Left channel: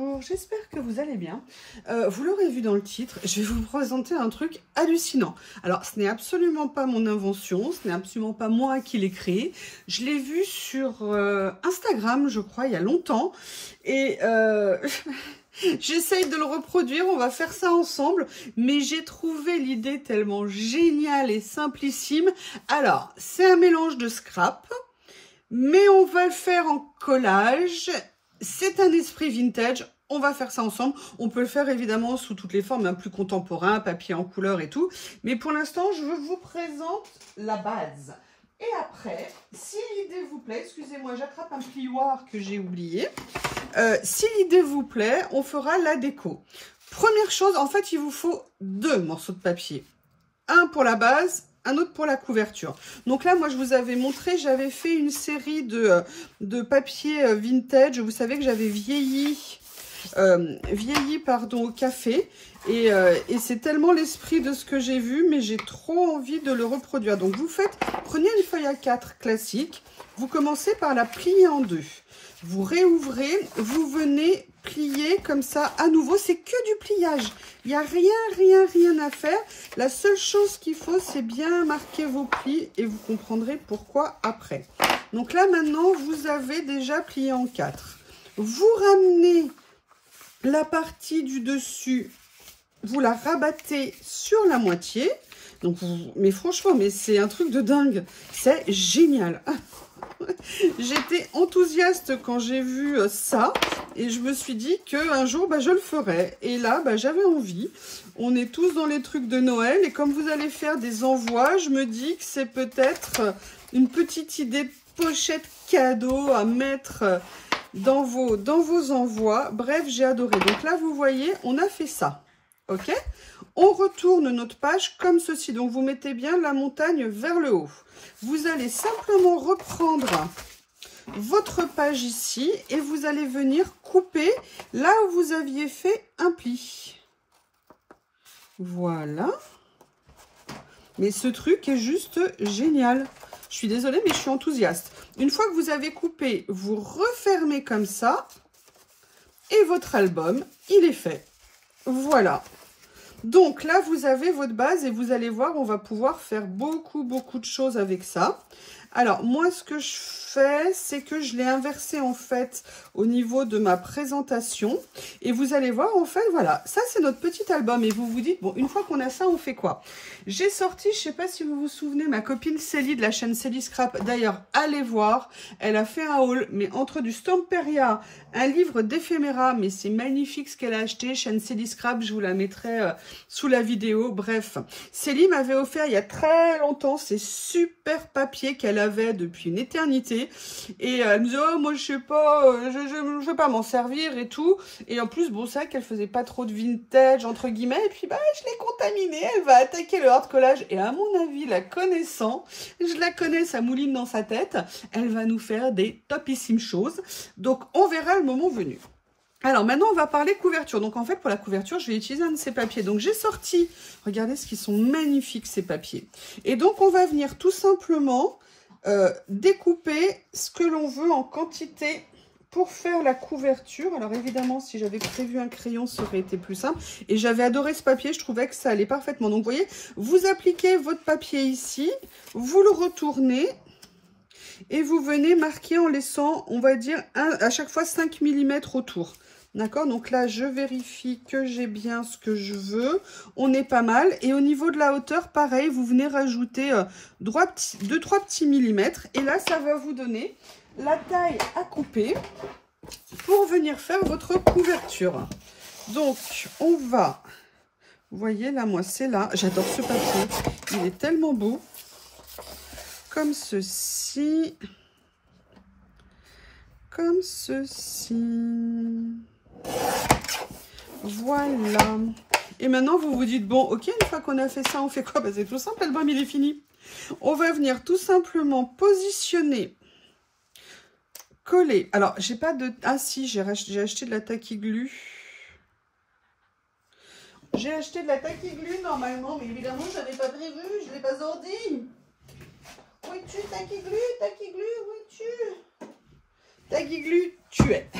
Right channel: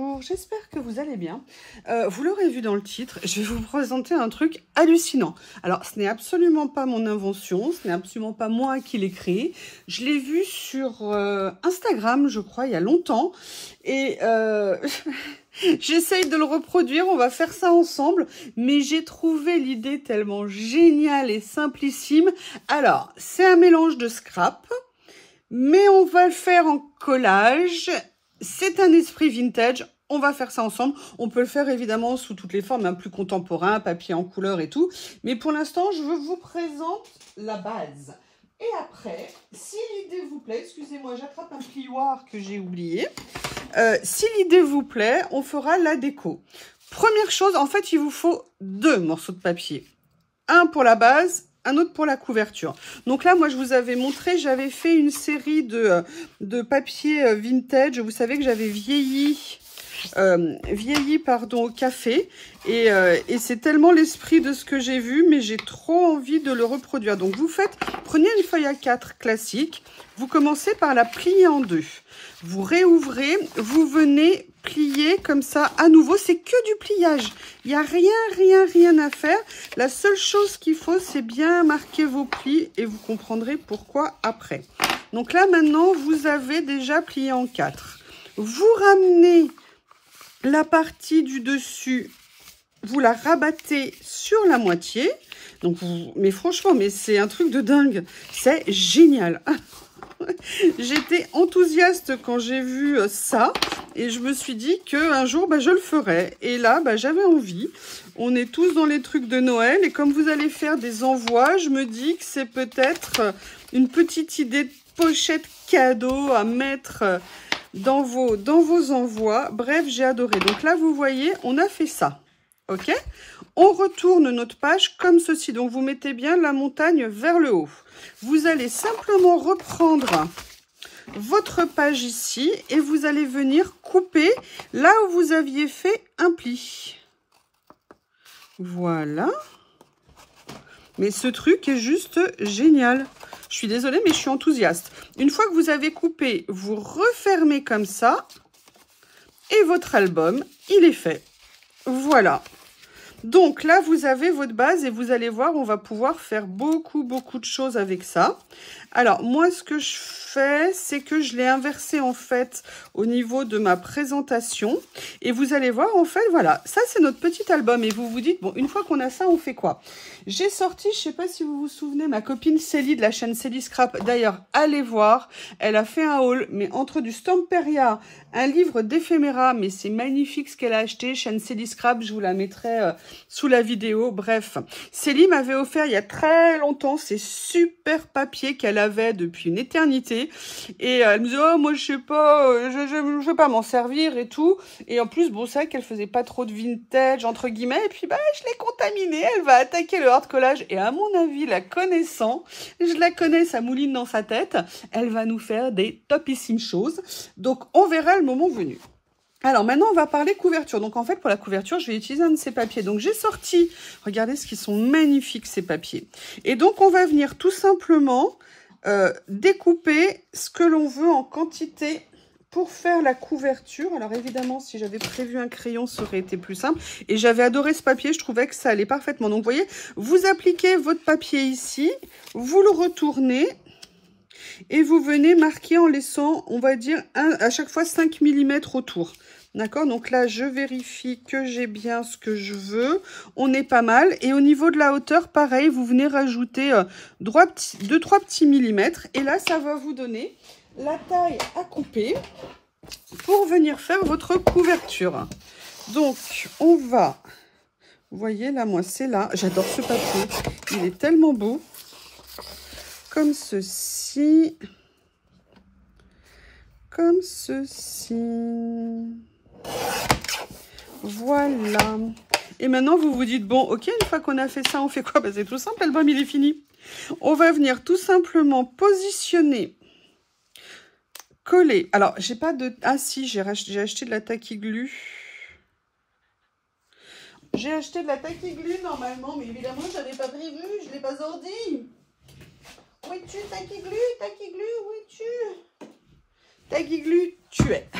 bonjour, j'espère que vous allez bien. Vous l'aurez vu dans le titre, je vais vous présenter un truc hallucinant. Alors, ce n'est absolument pas mon invention, ce n'est absolument pas moi qui l'ai créé. Je l'ai vu sur Instagram, je crois, il y a longtemps. Et j'essaye de le reproduire, on va faire ça ensemble. Mais j'ai trouvé l'idée tellement géniale et simplissime. Alors, c'est un mélange de scrap, mais on va le faire en collage. C'est un esprit vintage, on va faire ça ensemble. On peut le faire évidemment sous toutes les formes, un plus contemporain, papier en couleur et tout. Mais pour l'instant, je vous présente la base. Et après, si l'idée vous plaît, excusez-moi, j'attrape un plioir que j'ai oublié. Si l'idée vous plaît, on fera la déco. Première chose, en fait, il vous faut 2 morceaux de papier. Un pour la base, un autre pour la couverture. Donc là, moi, je vous avais montré, j'avais fait une série de papier vintage. Vous savez que j'avais vieilli au café. Et c'est tellement l'esprit de ce que j'ai vu, mais j'ai trop envie de le reproduire. Donc, prenez une feuille A4 classique. Vous commencez par la plier en 2. Vous réouvrez, vous venez plier comme ça à nouveau. C'est que du pliage. Il n'y a rien à faire. La seule chose qu'il faut, c'est bien marquer vos plis et vous comprendrez pourquoi après. Donc là, maintenant, vous avez déjà plié en 4. Vous ramenez la partie du dessus, vous la rabattez sur la moitié. Donc, mais franchement, c'est un truc de dingue. C'est génial. J'étais enthousiaste quand j'ai vu ça et je me suis dit qu'un jour, je le ferais. Et là, j'avais envie. On est tous dans les trucs de Noël et comme vous allez faire des envois, je me dis que c'est peut-être une petite idée de pochette cadeau à mettre dans vos envois. Bref, j'ai adoré. Donc là, vous voyez, on a fait ça. OK? On retourne notre page comme ceci. Donc, vous mettez bien la montagne vers le haut. Vous allez simplement reprendre votre page ici et vous allez venir couper là où vous aviez fait un pli. Voilà. Mais ce truc est juste génial. Je suis désolée, mais je suis enthousiaste. Une fois que vous avez coupé, vous refermez comme ça et votre album, il est fait. Voilà. Donc là, vous avez votre base et vous allez voir, on va pouvoir faire beaucoup de choses avec ça. Alors, moi, ce que je fais, c'est que je l'ai inversé, en fait, au niveau de ma présentation. Et vous allez voir, en fait, voilà, ça, c'est notre petit album. Et vous vous dites, bon, une fois qu'on a ça, on fait quoi? J'ai sorti, je sais pas si vous vous souvenez, ma copine Célie de la chaîne Célie Scrap. D'ailleurs, allez voir, elle a fait un haul, mais entre du Stamperia, un livre d'éphéméra, mais c'est magnifique ce qu'elle a acheté, chaîne Célie Scrap, je vous la mettrai sous la vidéo. Bref, Célie m'avait offert il y a très longtemps ces super papiers qu'elle avait depuis une éternité. Et elle me disait, oh, moi, je sais pas, je vais pas m'en servir et tout. Et en plus, bon, c'est vrai qu'elle faisait pas trop de vintage, entre guillemets. Et puis, je l'ai contaminée. Elle va attaquer le hard collage. Et à mon avis, la connaissant, je la connais, ça mouline dans sa tête. Elle va nous faire des topissimes choses. Donc, on verra le moment venu. Alors, maintenant, on va parler couverture. Donc, en fait, pour la couverture, je vais utiliser un de ces papiers. Donc, j'ai sorti, regardez ce qu'ils sont magnifiques, ces papiers. Et donc, on va venir tout simplement découper ce que l'on veut en quantité pour faire la couverture. Alors, évidemment, si j'avais prévu un crayon, ça aurait été plus simple. Et j'avais adoré ce papier, je trouvais que ça allait parfaitement. Donc, vous voyez, vous appliquez votre papier ici, vous le retournez. Et vous venez marquer en laissant, on va dire, à chaque fois 5 mm autour. D'accord? Donc là, je vérifie que j'ai bien ce que je veux. On est pas mal. Et au niveau de la hauteur, pareil, vous venez rajouter 2-3 petits millimètres. Et là, ça va vous donner la taille à couper pour venir faire votre couverture. Donc, on va... Vous voyez, là, moi, c'est là. J'adore ce papier. Il est tellement beau. Comme ceci. Comme ceci. Voilà. Et maintenant, vous vous dites, bon, ok, une fois qu'on a fait ça, on fait quoi? C'est tout simple, l'album, il est fini. On va venir tout simplement positionner, coller. Alors, j'ai pas de... Ah si, j'ai acheté de la tacky-glue. J'ai acheté de la tacky-glue, normalement, mais évidemment, je n'avais pas prévu, je ne l'ai pas ordi. Où es-tu, tacky-glue? Tacky-glue, où es-tu? Tacky-glue, tu es.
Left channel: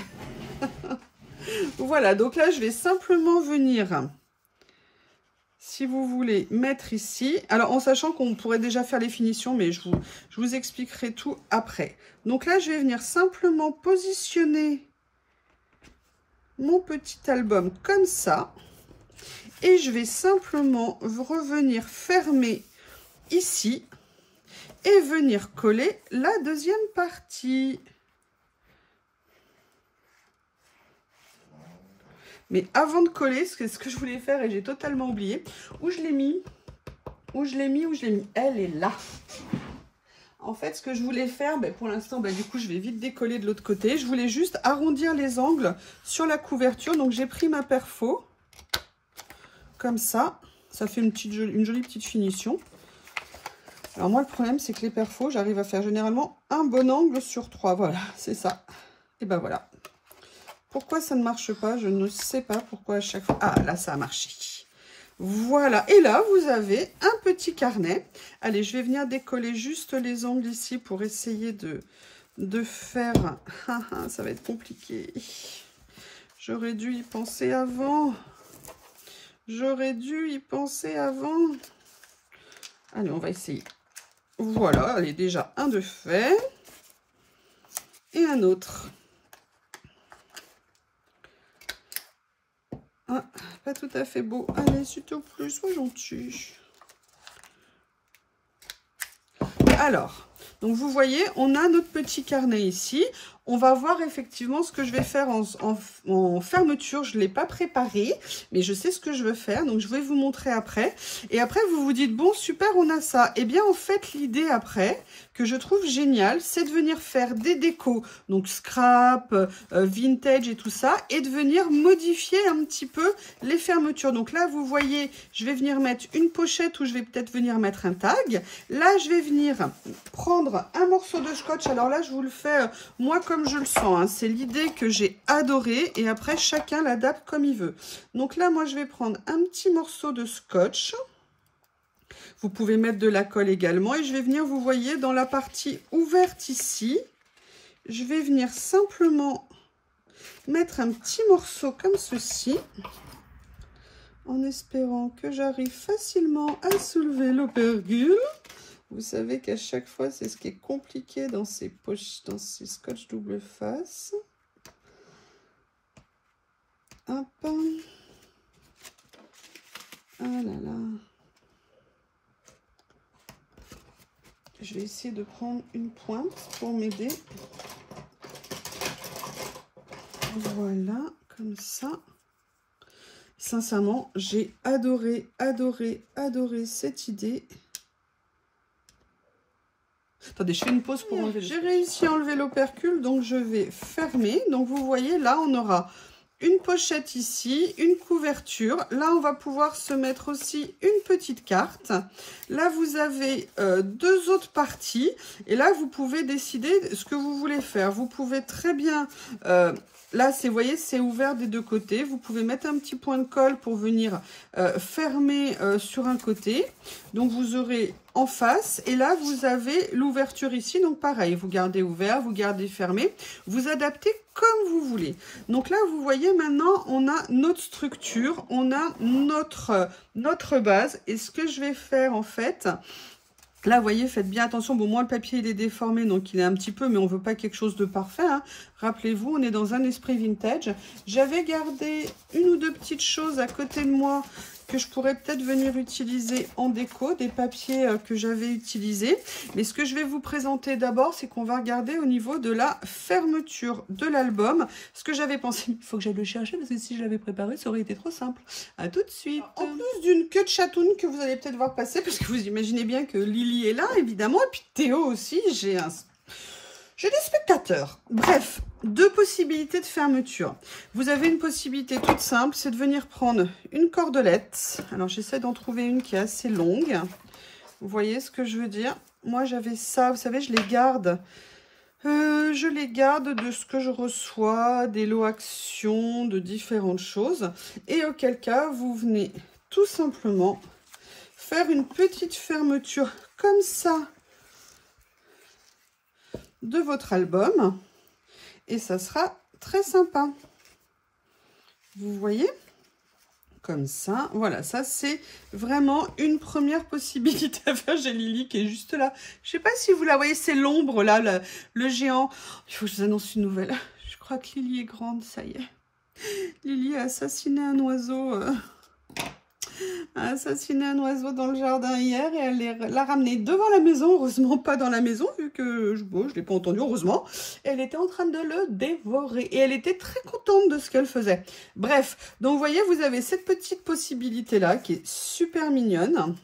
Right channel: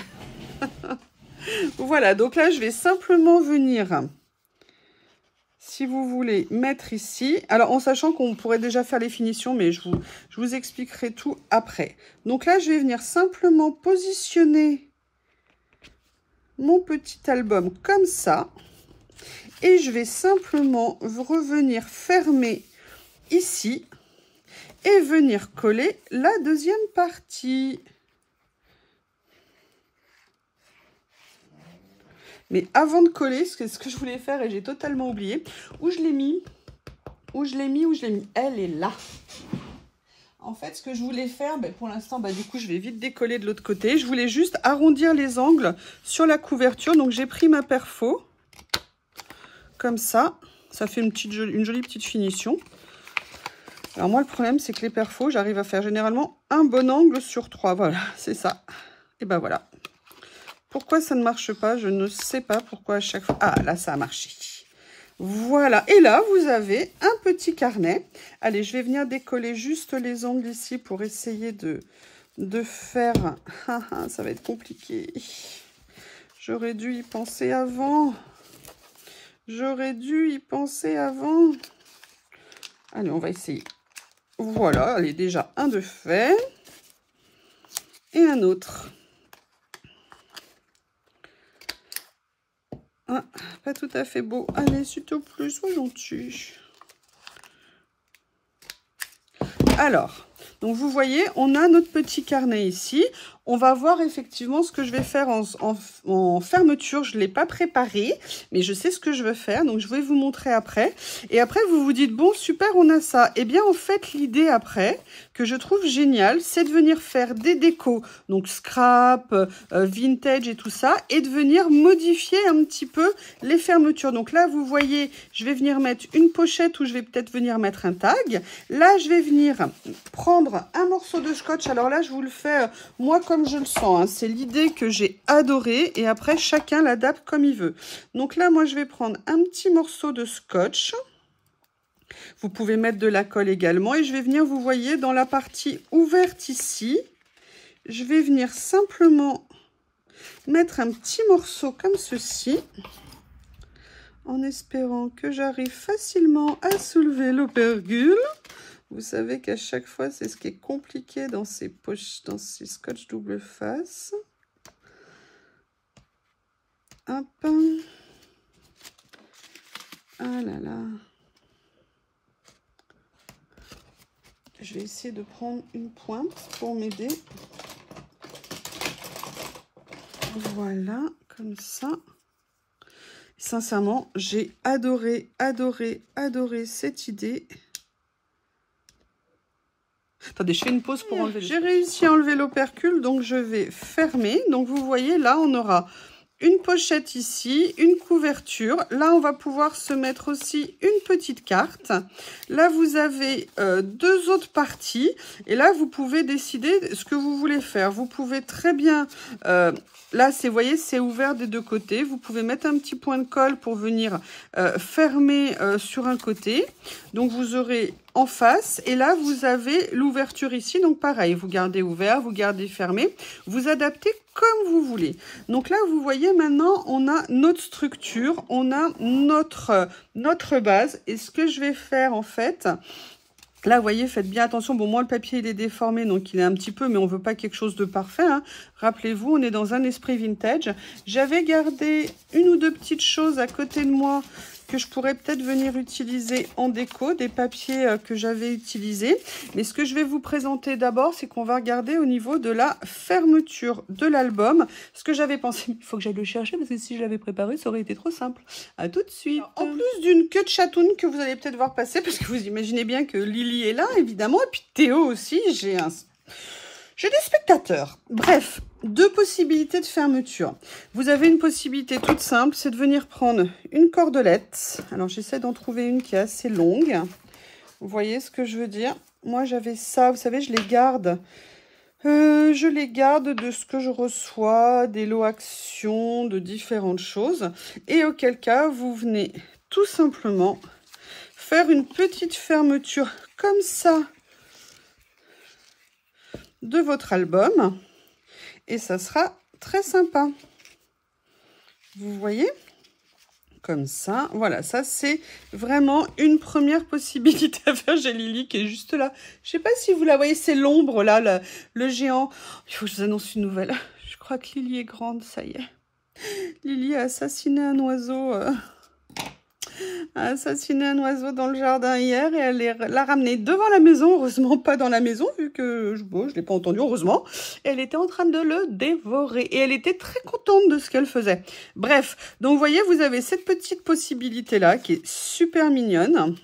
Voilà, donc là, je vais simplement venir, si vous voulez, mettre ici. Alors, en sachant qu'on pourrait déjà faire les finitions, mais je vous expliquerai tout après. Donc là, je vais venir simplement positionner mon petit album comme ça. Et je vais simplement revenir fermer ici et venir coller la deuxième partie. Mais avant de coller, ce que je voulais faire et j'ai totalement oublié, où je l'ai mis, elle est là. En fait, ce que je voulais faire, pour l'instant, du coup, je vais vite décoller de l'autre côté. Je voulais juste arrondir les angles sur la couverture. Donc, j'ai pris ma perfo, comme ça. Ça fait une jolie petite finition. Alors, moi, le problème, c'est que les perfos, j'arrive à faire généralement un bon angle sur 3. Voilà, c'est ça. Et ben voilà. Pourquoi ça ne marche pas? Je ne sais pas pourquoi à chaque fois. Ah, là, ça a marché. Voilà. Et là, vous avez un petit carnet. Allez, je vais venir décoller juste les angles ici pour essayer de faire... ça va être compliqué. J'aurais dû y penser avant. J'aurais dû y penser avant. Allez, on va essayer. Voilà, allez, déjà un de fait. Et un autre. Ah, pas tout à fait beau. Allez, s'il te plaît, sois gentil. Alors, donc vous voyez, on a notre petit carnet ici. On va voir effectivement ce que je vais faire en fermeture. Je ne l'ai pas préparé, mais je sais ce que je veux faire. Donc, je vais vous montrer après. Et après, vous vous dites, bon, super, on a ça. Eh bien, en fait, l'idée après, que je trouve génial, c'est de venir faire des décos. Donc, scrap, vintage et tout ça. Et de venir modifier un petit peu les fermetures. Donc là, vous voyez, je vais venir mettre une pochette où je vais peut-être venir mettre un tag. Là, je vais venir prendre un morceau de scotch. Alors là, je vous le fais, moi, comme je le sens, hein. C'est l'idée que j'ai adorée et après chacun l'adapte comme il veut. Donc là, moi je vais prendre un petit morceau de scotch. Vous pouvez mettre de la colle également et je vais venir, vous voyez, dans la partie ouverte ici, je vais venir simplement mettre un petit morceau comme ceci, en espérant que j'arrive facilement à soulever l'opercule. Vous savez qu'à chaque fois, c'est ce qui est compliqué dans ces poches, dans ces scotch double face. Hop. Ah là là. Je vais essayer de prendre une pointe pour m'aider. Voilà, comme ça. Sincèrement, j'ai adoré, adoré, adoré cette idée. Attendez, je fais une pause pour enlever. J'ai réussi à enlever l'opercule, donc je vais fermer. Donc vous voyez, là, on aura une pochette ici, une couverture. Là, on va pouvoir se mettre aussi une petite carte. Là, vous avez deux autres parties. Et là, vous pouvez décider ce que vous voulez faire. Vous pouvez très bien... là, vous voyez, c'est ouvert des deux côtés. Vous pouvez mettre un petit point de colle pour venir fermer sur un côté. Donc, vous aurez en face. Et là, vous avez l'ouverture ici. Donc, pareil, vous gardez ouvert, vous gardez fermé. Vous adaptez comme vous voulez. Donc là, vous voyez, maintenant, on a notre structure. On a notre base. Et ce que je vais faire, en fait... Là, vous voyez, faites bien attention. Bon, moi, le papier, il est déformé, donc il est un petit peu, mais on ne veut pas quelque chose de parfait, hein. Rappelez-vous, on est dans un esprit vintage. J'avais gardé une ou deux petites choses à côté de moi que je pourrais peut-être venir utiliser en déco, des papiers que j'avais utilisés. Mais ce que je vais vous présenter d'abord, c'est qu'on va regarder au niveau de la fermeture de l'album. Ce que j'avais pensé, il faut que j'aille le chercher, parce que si je l'avais préparé, ça aurait été trop simple. À tout de suite. En plus d'une queue de chatoun que vous allez peut-être voir passer, parce que vous imaginez bien que Lily est là, évidemment, et puis Théo aussi, j'ai des spectateurs. Bref, deux possibilités de fermeture. Vous avez une possibilité toute simple, c'est de venir prendre une cordelette. Alors, j'essaie d'en trouver une qui est assez longue. Vous voyez ce que je veux dire? Moi, j'avais ça, vous savez, je les garde. Je les garde de ce que je reçois, des lots actions, de différentes choses. Et auquel cas, vous venez tout simplement faire une petite fermeture comme ça de votre album et ça sera très sympa. Vous voyez? Comme ça, voilà, ça c'est vraiment une première possibilité à faire. J'ai Lily qui est juste là. Je sais pas si vous la voyez, c'est l'ombre là, le géant. Il faut que je vous annonce une nouvelle. Je crois que Lily est grande, ça y est. Lily a assassiné un oiseau. A assassiné un oiseau dans le jardin hier et elle l'a ramené devant la maison. Heureusement pas dans la maison vu que je ne l'ai pas entendu, heureusement. Elle était en train de le dévorer et elle était très contente de ce qu'elle faisait. Bref, donc vous voyez, vous avez cette petite possibilité là qui est super mignonne.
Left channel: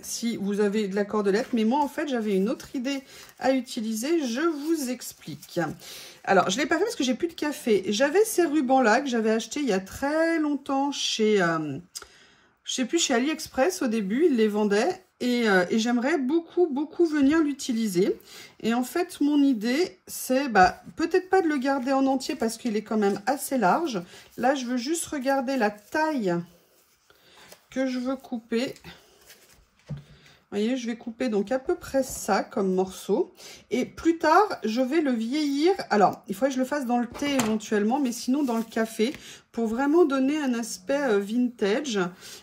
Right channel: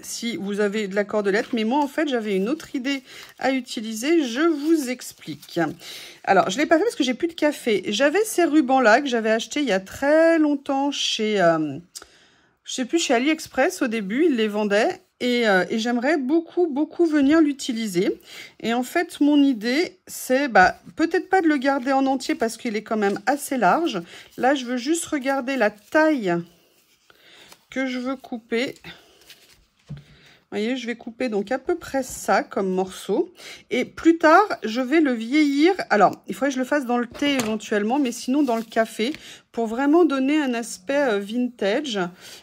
Si vous avez de la cordelette, mais moi en fait j'avais une autre idée à utiliser, je vous explique. Alors je l'ai pas fait parce que j'ai plus de café. J'avais ces rubans là que j'avais acheté il y a très longtemps chez... je sais plus, chez AliExpress au début, ils les vendaient et j'aimerais beaucoup venir l'utiliser. Et en fait, mon idée, c'est peut-être pas de le garder en entier parce qu'il est quand même assez large. Là, je veux juste regarder la taille que je veux couper. Vous voyez, je vais couper donc à peu près ça comme morceau. Et plus tard, je vais le vieillir. Alors, il faudrait que je le fasse dans le thé éventuellement, mais sinon dans le café, pour vraiment donner un aspect vintage.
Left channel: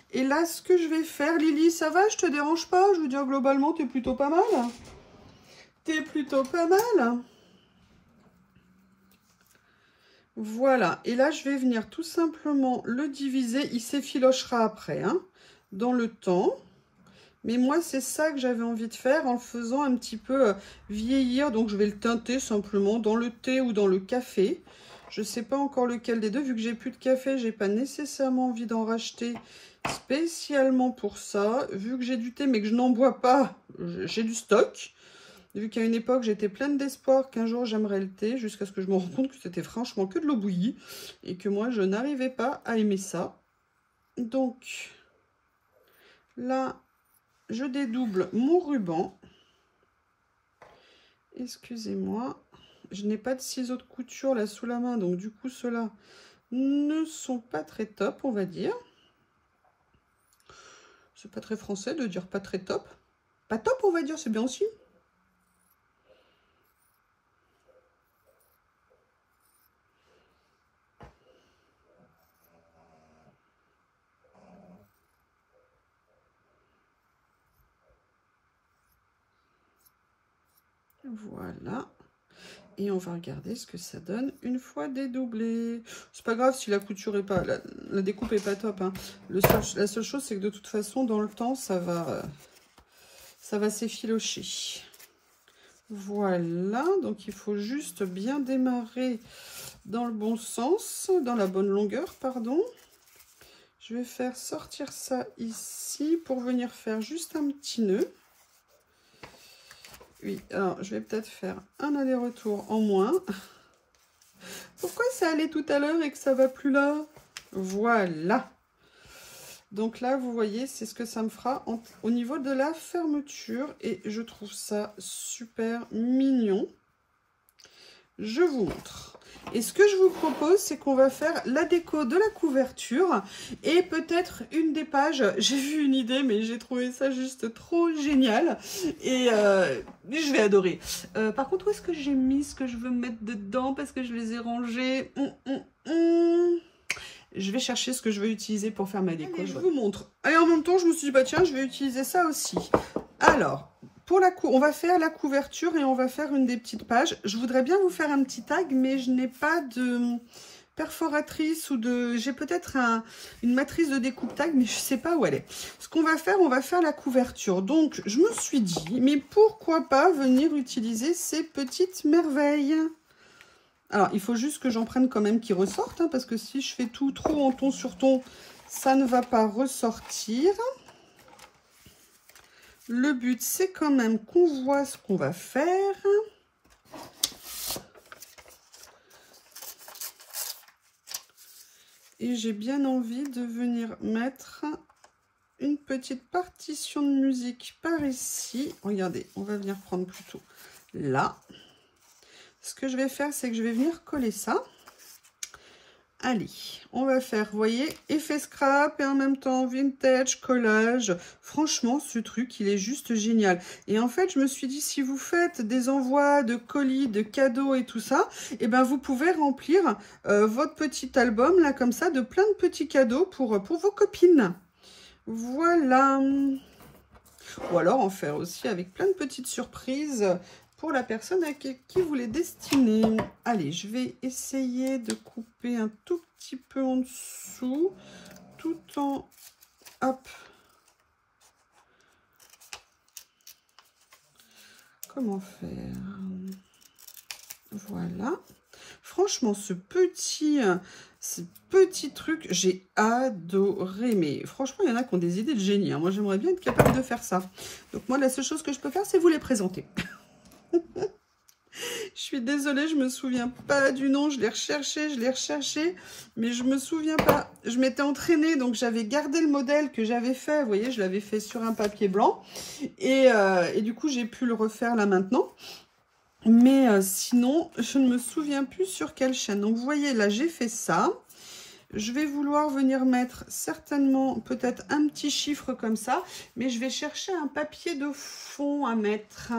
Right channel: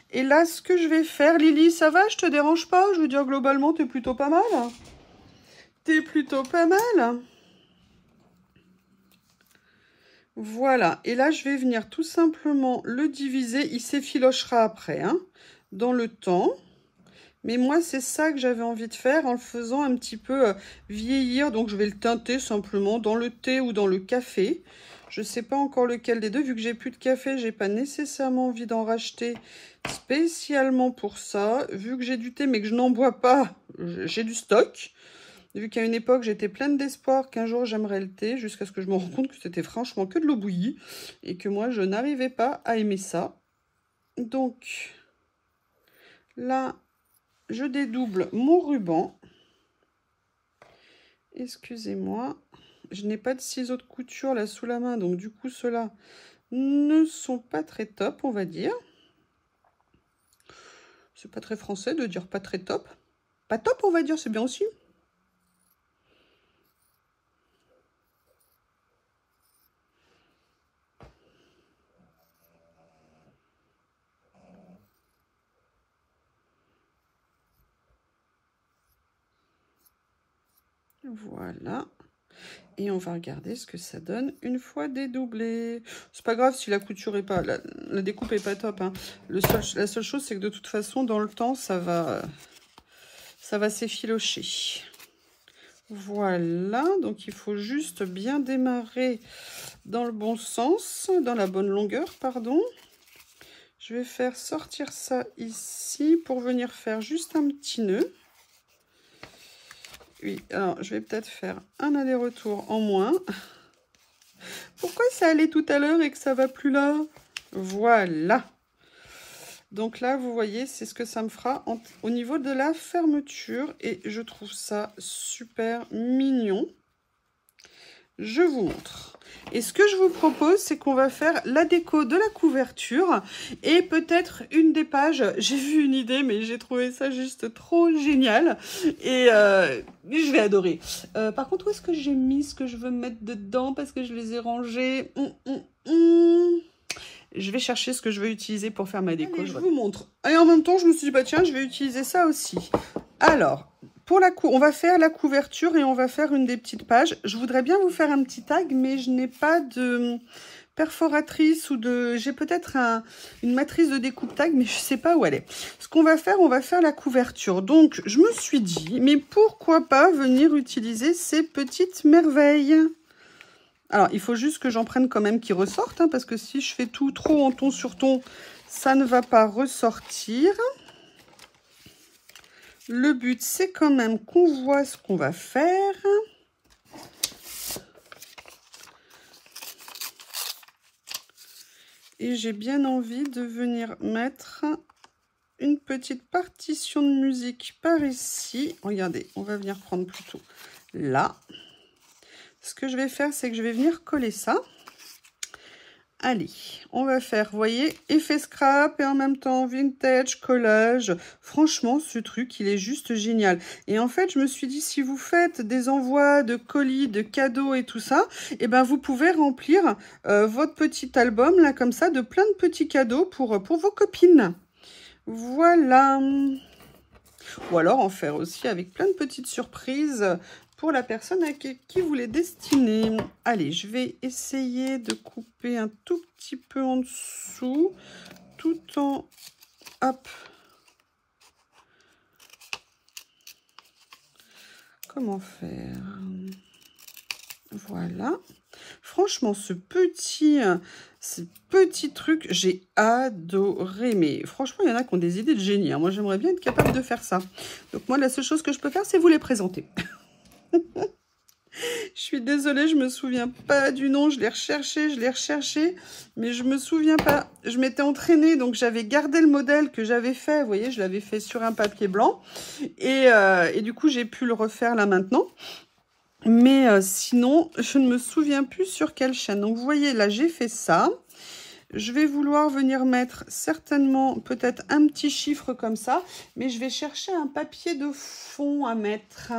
Et là, ce que je vais faire, Lily, ça va? Je te dérange pas? Je veux dire, globalement, t'es plutôt pas mal. T'es plutôt pas mal. Voilà. Et là, je vais venir tout simplement le diviser. Il s'effilochera après, hein, dans le temps. Mais moi, c'est ça que j'avais envie de faire en le faisant un petit peu vieillir. Donc, je vais le teinter simplement dans le thé ou dans le café. Je ne sais pas encore lequel des deux. Vu que j'ai plus de café, j'ai pas nécessairement envie d'en racheter spécialement pour ça. Vu que j'ai du thé, mais que je n'en bois pas, j'ai du stock. Vu qu'à une époque, j'étais pleine d'espoir qu'un jour, j'aimerais le thé. Jusqu'à ce que je me rende compte que c'était franchement que de l'eau bouillie. Et que moi, je n'arrivais pas à aimer ça. Donc, là... je dédouble mon ruban. Excusez-moi. Je n'ai pas de ciseaux de couture là sous la main. Donc du coup, ceux-là ne sont pas très top, on va dire. C'est pas très français de dire pas très top. Pas top, on va dire, c'est bien aussi. Voilà. Et on va regarder ce que ça donne une fois dédoublé. C'est pas grave si la couture est pas... La découpe est pas top. Hein. La seule chose, c'est que de toute façon, dans le temps, ça va s'effilocher. Voilà. Donc, il faut juste bien démarrer dans le bon sens, dans la bonne longueur, pardon. Je vais faire sortir ça ici pour venir faire juste un petit nœud. Oui, alors je vais peut-être faire un aller-retour en moins. Pourquoi ça allait tout à l'heure et que ça va plus là? Voilà. Donc là, vous voyez, c'est ce que ça me fera au niveau de la fermeture. Et je trouve ça super mignon. Je vous montre. Et ce que je vous propose, c'est qu'on va faire la déco de la couverture et peut-être une des pages. J'ai vu une idée, mais j'ai trouvé ça juste trop génial et je vais adorer. Par contre, où est-ce que j'ai mis ce que je veux mettre dedans parce que je les ai rangés? Je vais chercher ce que je veux utiliser pour faire ma déco. Allez, je vous montre. Et en même temps, je me suis dit, bah tiens, je vais utiliser ça aussi. Alors... on va faire la couverture et on va faire une des petites pages. Je voudrais bien vous faire un petit tag, mais je n'ai pas de perforatrice ou de... J'ai peut-être une matrice de découpe tag, mais je ne sais pas où elle est. Ce qu'on va faire, on va faire la couverture. Donc, je me suis dit, mais pourquoi pas venir utiliser ces petites merveilles? Alors, il faut juste que j'en prenne quand même qui ressortent, hein, parce que si je fais tout trop en ton sur ton, ça ne va pas ressortir. Le but, c'est quand même qu'on voit ce qu'on va faire. Et j'ai bien envie de venir mettre une petite partition de musique par ici. Regardez, on va venir prendre plutôt là. Ce que je vais faire, c'est que je vais venir coller ça. Allez, on va faire, vous voyez, effet scrap et en même temps vintage, collage. Franchement, ce truc, il est juste génial. Et en fait, je me suis dit, si vous faites des envois de colis, de cadeaux et tout ça, eh ben, vous pouvez remplir votre petit album, là, comme ça, de plein de petits cadeaux pour vos copines. Voilà. Ou alors en faire aussi avec plein de petites surprises pour la personne à qui vous les destinez. Allez, je vais essayer de couper un tout petit peu en dessous, tout en... Hop. Comment faire? Voilà. Franchement, ce petit truc, j'ai adoré. Mais franchement, il y en a qui ont des idées de génie. Moi, j'aimerais bien être capable de faire ça. Donc moi, la seule chose que je peux faire, c'est vous les présenter. Je suis désolée, je me souviens pas du nom, je l'ai recherché, mais je me souviens pas. Je m'étais entraînée, donc j'avais gardé le modèle que j'avais fait, vous voyez, je l'avais fait sur un papier blanc, et du coup, j'ai pu le refaire là maintenant. Mais sinon, je ne me souviens plus sur quelle chaîne. Donc, vous voyez, là, j'ai fait ça. Je vais vouloir venir mettre certainement peut-être un petit chiffre comme ça, mais je vais chercher un papier de fond à mettre.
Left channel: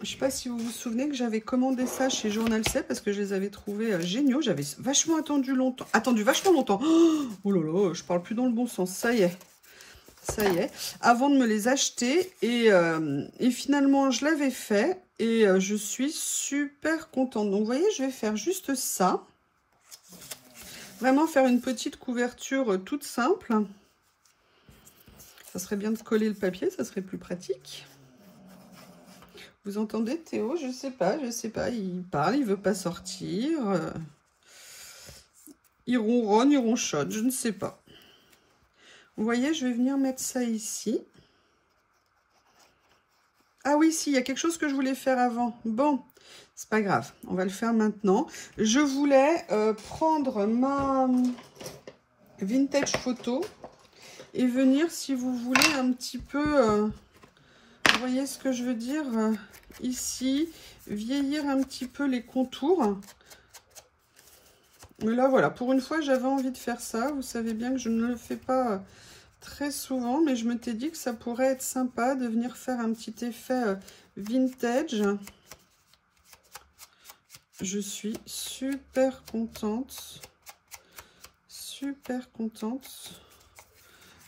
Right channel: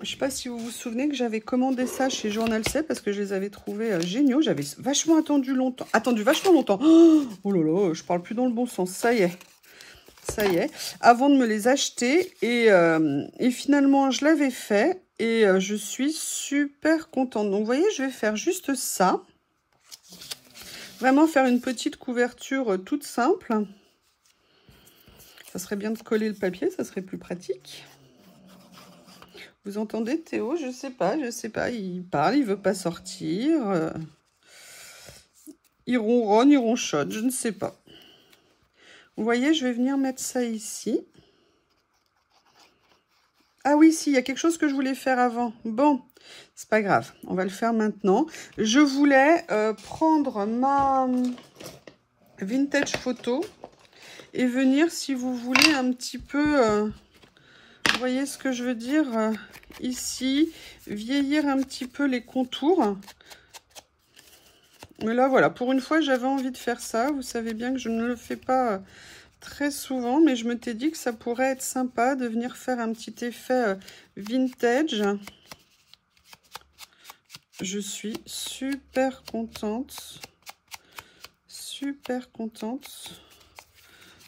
Je ne sais pas si vous vous souvenez que j'avais commandé ça chez Journal C parce que je les avais trouvés géniaux. J'avais vachement attendu vachement longtemps. Oh là là, je parle plus dans le bon sens. Ça y est. Ça y est. Avant de me les acheter. Et finalement, je l'avais fait. Et je suis super contente. Donc, vous voyez, je vais faire juste ça. Vraiment faire une petite couverture toute simple. Ça serait bien de coller le papier, ça serait plus pratique. Vous entendez Théo? Je sais pas. Il parle, il veut pas sortir. Il ronronne, il ronchonne, je ne sais pas. Vous voyez, je vais venir mettre ça ici. Ah oui, si, il y a quelque chose que je voulais faire avant. Bon, c'est pas grave, on va le faire maintenant. Je voulais prendre ma vintage photo et venir, si vous voulez, un petit peu... vous voyez ce que je veux dire ici, vieillir un petit peu les contours. Mais là, voilà, pour une fois, j'avais envie de faire ça. Vous savez bien que je ne le fais pas très souvent, mais je m'étais dit que ça pourrait être sympa de venir faire un petit effet vintage. Je suis super contente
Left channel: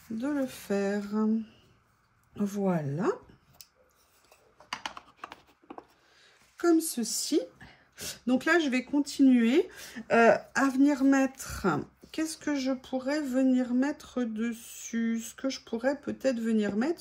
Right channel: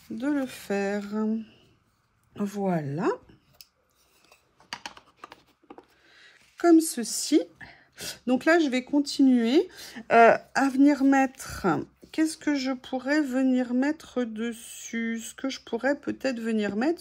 de le faire. Voilà. Comme ceci. Donc là, je vais continuer à venir mettre... Qu'est-ce que je pourrais venir mettre dessus? Ce que je pourrais peut-être venir mettre,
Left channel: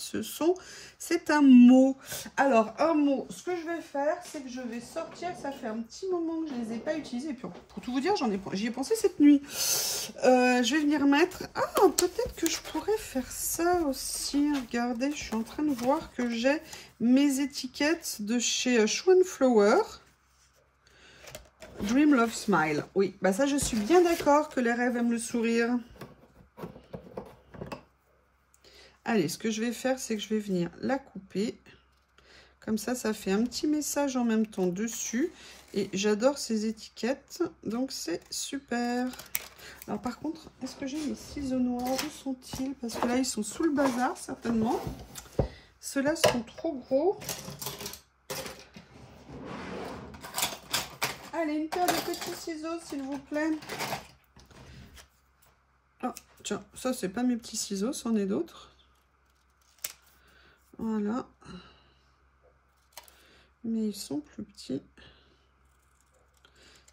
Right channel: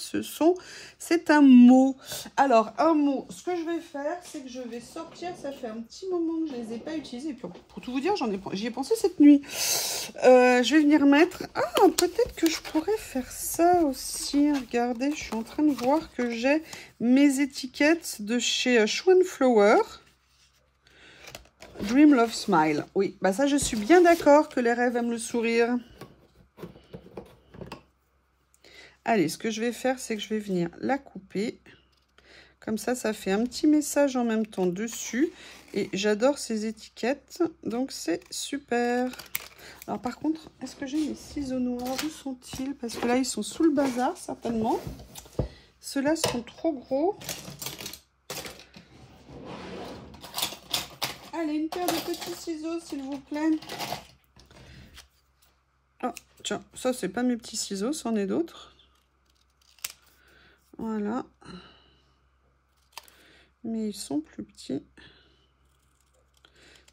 c'est un mot. Alors, un mot, ce que je vais faire, c'est que je vais sortir. Ça fait un petit moment que je ne les ai pas utilisés. Et puis, pour tout vous dire, j'y ai pensé cette nuit. Je vais venir mettre... Ah, peut-être que je pourrais faire ça aussi. Regardez, je suis en train de voir que j'ai mes étiquettes de chez Shoe & Flower. Dream Love Smile. Oui, bah ça, je suis bien d'accord que les rêves aiment le sourire. Allez, ce que je vais faire, c'est que je vais venir la couper. Comme ça, ça fait un petit message en même temps dessus. Et j'adore ces étiquettes, donc c'est super. Alors par contre, est-ce que j'ai mes ciseaux noirs? Où sont-ils? Parce que là, ils sont sous le bazar, certainement. Ceux-là sont trop gros. Allez, une paire de petits ciseaux, s'il vous plaît. Oh, tiens, ça, c'est pas mes petits ciseaux, c'en est d'autres. Voilà. Mais ils sont plus petits.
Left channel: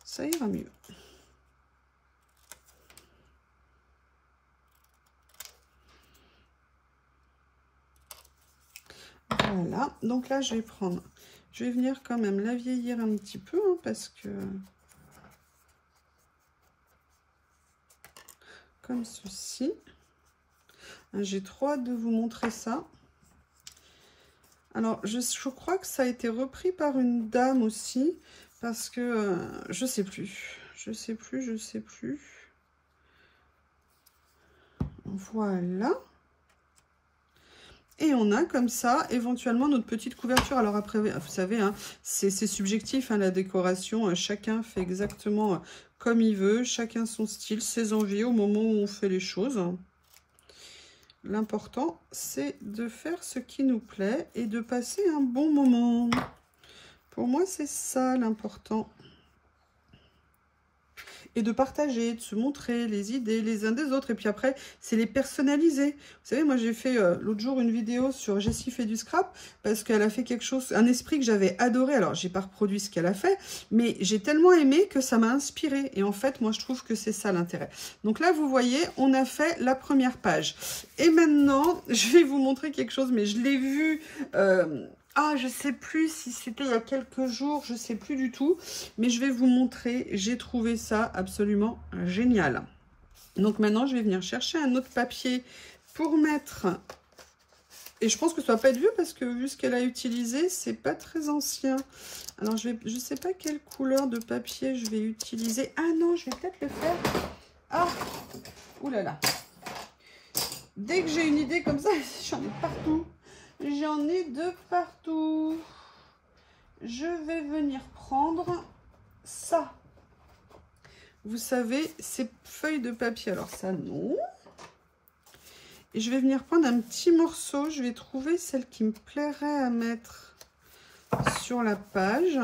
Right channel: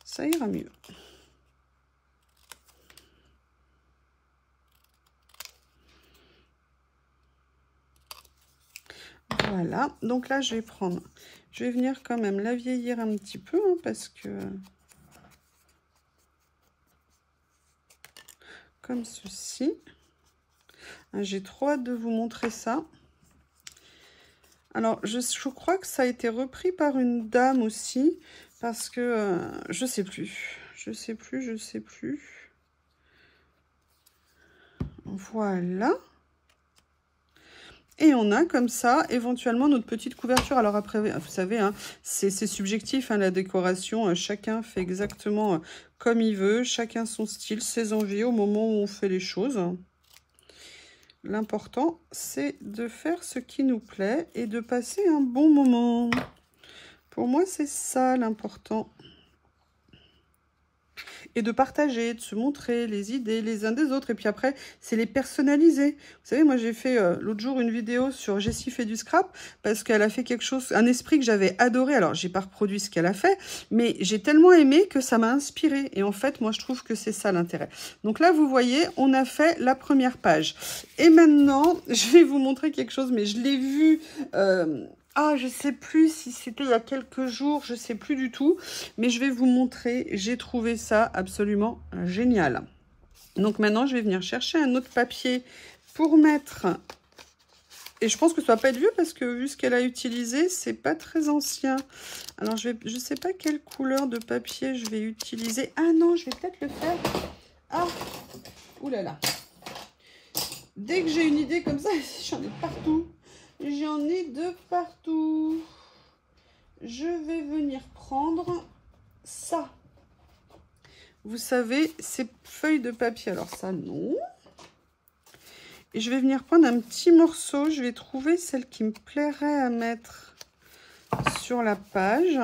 Ça ira mieux. Voilà. Donc là, je vais prendre... Je vais venir quand même la vieillir un petit peu, hein, parce que... Comme ceci. J'ai trop hâte de vous montrer ça. Alors, je crois que ça a été repris par une dame aussi, parce que je sais plus. Voilà. Et on a comme ça, éventuellement, notre petite couverture. Alors après, vous savez, hein, c'est subjectif, hein, la décoration. Chacun fait exactement comme il veut. Chacun son style, ses envies au moment où on fait les choses. L'important, c'est de faire ce qui nous plaît et de passer un bon moment. Pour moi, c'est ça l'important. Et de partager, de se montrer les idées les uns des autres. Et puis après, c'est les personnaliser. Vous savez, moi, j'ai fait l'autre jour une vidéo sur Jessie fait du scrap parce qu'elle a fait quelque chose, un esprit que j'avais adoré. Alors, j'ai pas reproduit ce qu'elle a fait, mais j'ai tellement aimé que ça m'a inspiré. Et en fait, moi, je trouve que c'est ça l'intérêt. Donc là, vous voyez, on a fait la première page. Et maintenant, je vais vous montrer quelque chose, mais je l'ai vu... Ah, je sais plus si c'était il y a quelques jours, je sais plus du tout. Mais je vais vous montrer, j'ai trouvé ça absolument génial. Donc maintenant, je vais venir chercher un autre papier pour mettre... Et je pense que ça va pas être vieux parce que vu ce qu'elle a utilisé, c'est pas très ancien. Alors, je sais pas quelle couleur de papier je vais utiliser. Ah non, je vais peut-être le faire. Ah, oulala. Dès que j'ai une idée comme ça, j'en ai partout. J'en ai de partout. Je vais venir prendre ça. Vous savez, ces feuilles de papier. Alors ça, non. Et je vais venir prendre un petit morceau. Je vais trouver celle qui me plairait à mettre sur la page.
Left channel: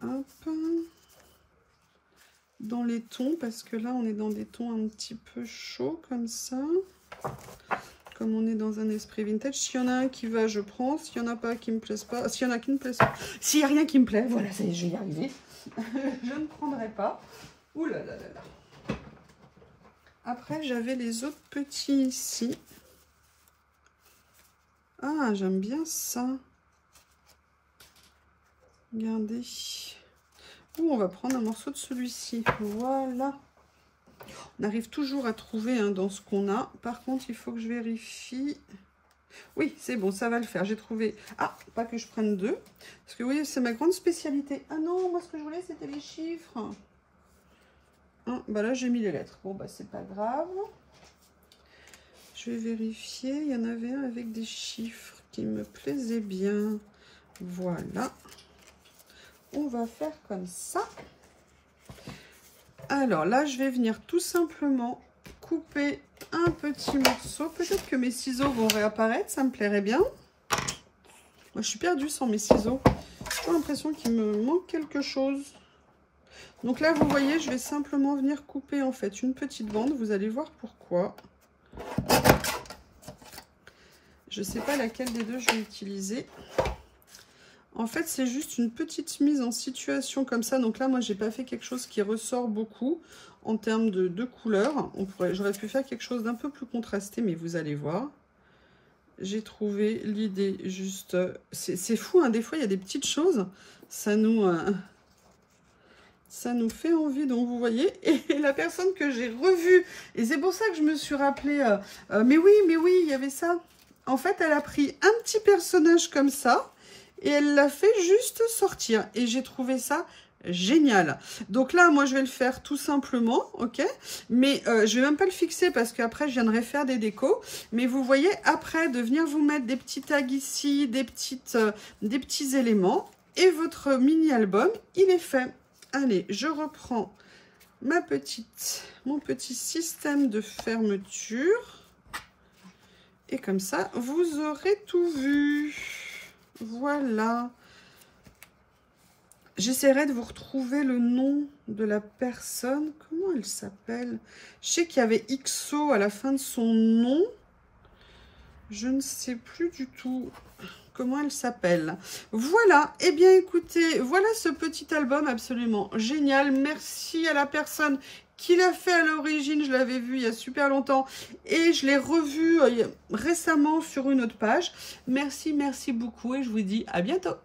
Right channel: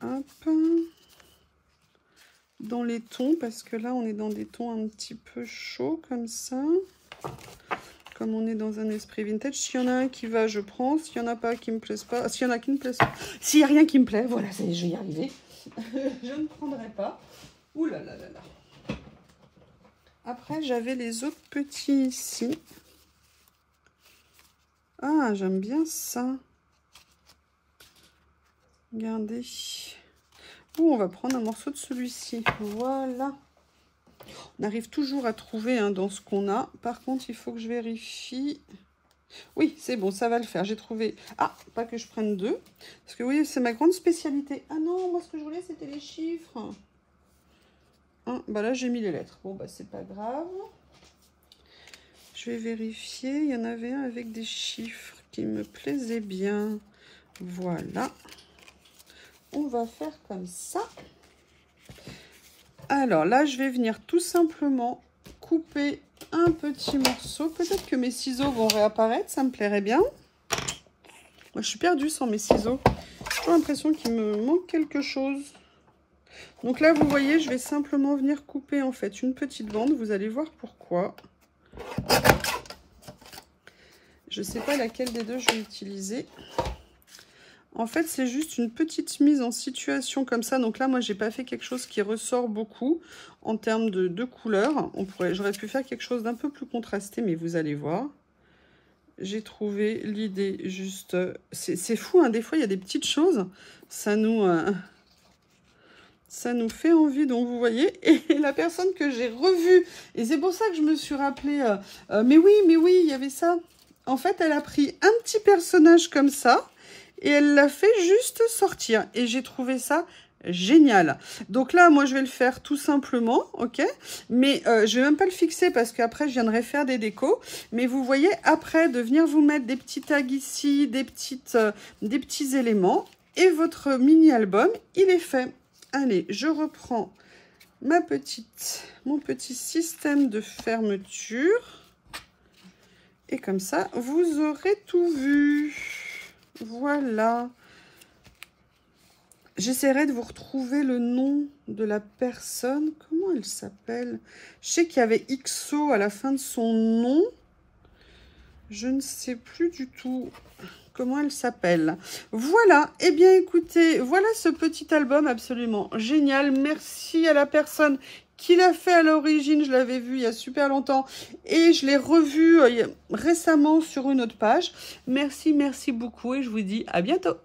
Hop. Dans les tons, parce que là, on est dans des tons un petit peu chauds, comme ça. Comme on est dans un esprit vintage. S'il y en a un qui va, je prends. S'il n'y en a pas qui me plaisent pas. S'il y en a qui me plaisent pas. S'il n'y a rien qui me plaît, voilà, ça y est, je vais y arriver. Je ne prendrai pas. Ouh là là là là. Après, j'avais les autres petits ici. Ah, j'aime bien ça. Regardez. On va prendre un morceau de celui-ci. Voilà. On arrive toujours à trouver hein, dans ce qu'on a. Par contre, il faut que je vérifie. Oui, c'est bon, ça va le faire. J'ai trouvé... Ah, pas que je prenne deux. Parce que oui, c'est ma grande spécialité. Ah non, moi, ce que je voulais, c'était les chiffres. Hein, bah là, j'ai mis les lettres. Bon, bah, c'est pas grave. Je vais vérifier. Il y en avait un avec des chiffres qui me plaisaient bien. Voilà. On va faire comme ça. Alors là, je vais venir tout simplement couper un petit morceau. Peut-être que mes ciseaux vont réapparaître, ça me plairait bien. Moi, je suis perdue sans mes ciseaux. J'ai l'impression qu'il me manque quelque chose. Donc là, vous voyez, je vais simplement venir couper en fait une petite bande. Vous allez voir pourquoi. Je ne sais pas laquelle des deux je vais utiliser. En fait, c'est juste une petite mise en situation comme ça. Donc là, moi, j'ai pas fait quelque chose qui ressort beaucoup en termes de couleurs. J'aurais pu faire quelque chose d'un peu plus contrasté, mais vous allez voir. J'ai trouvé l'idée juste... C'est fou, hein, des fois, il y a des petites choses. Ça nous fait envie. Donc, vous voyez, et la personne que j'ai revue, et c'est pour ça que je me suis rappelé, mais oui, il y avait ça. En fait, elle a pris un petit personnage comme ça, et elle l'a fait juste sortir. Et j'ai trouvé ça génial. Donc là, moi, je vais le faire tout simplement, ok? Mais je vais même pas le fixer parce qu'après, je viendrai faire des décos. Mais vous voyez, après, de venir vous mettre des petits tags ici, des petits éléments. Et votre mini-album, il est fait. Allez, je reprends mon petit système de fermeture. Et comme ça, vous aurez tout vu. Voilà. J'essaierai de vous retrouver le nom de la personne. Comment elle s'appelle? Je sais qu'il y avait XO à la fin de son nom. Je ne sais plus du tout comment elle s'appelle. Voilà. Eh bien, écoutez, voilà ce petit album absolument génial. Merci à la personne qui l'a fait à l'origine. Je l'avais vu il y a super longtemps et je l'ai revu récemment sur une autre page. Merci beaucoup et je vous dis à bientôt.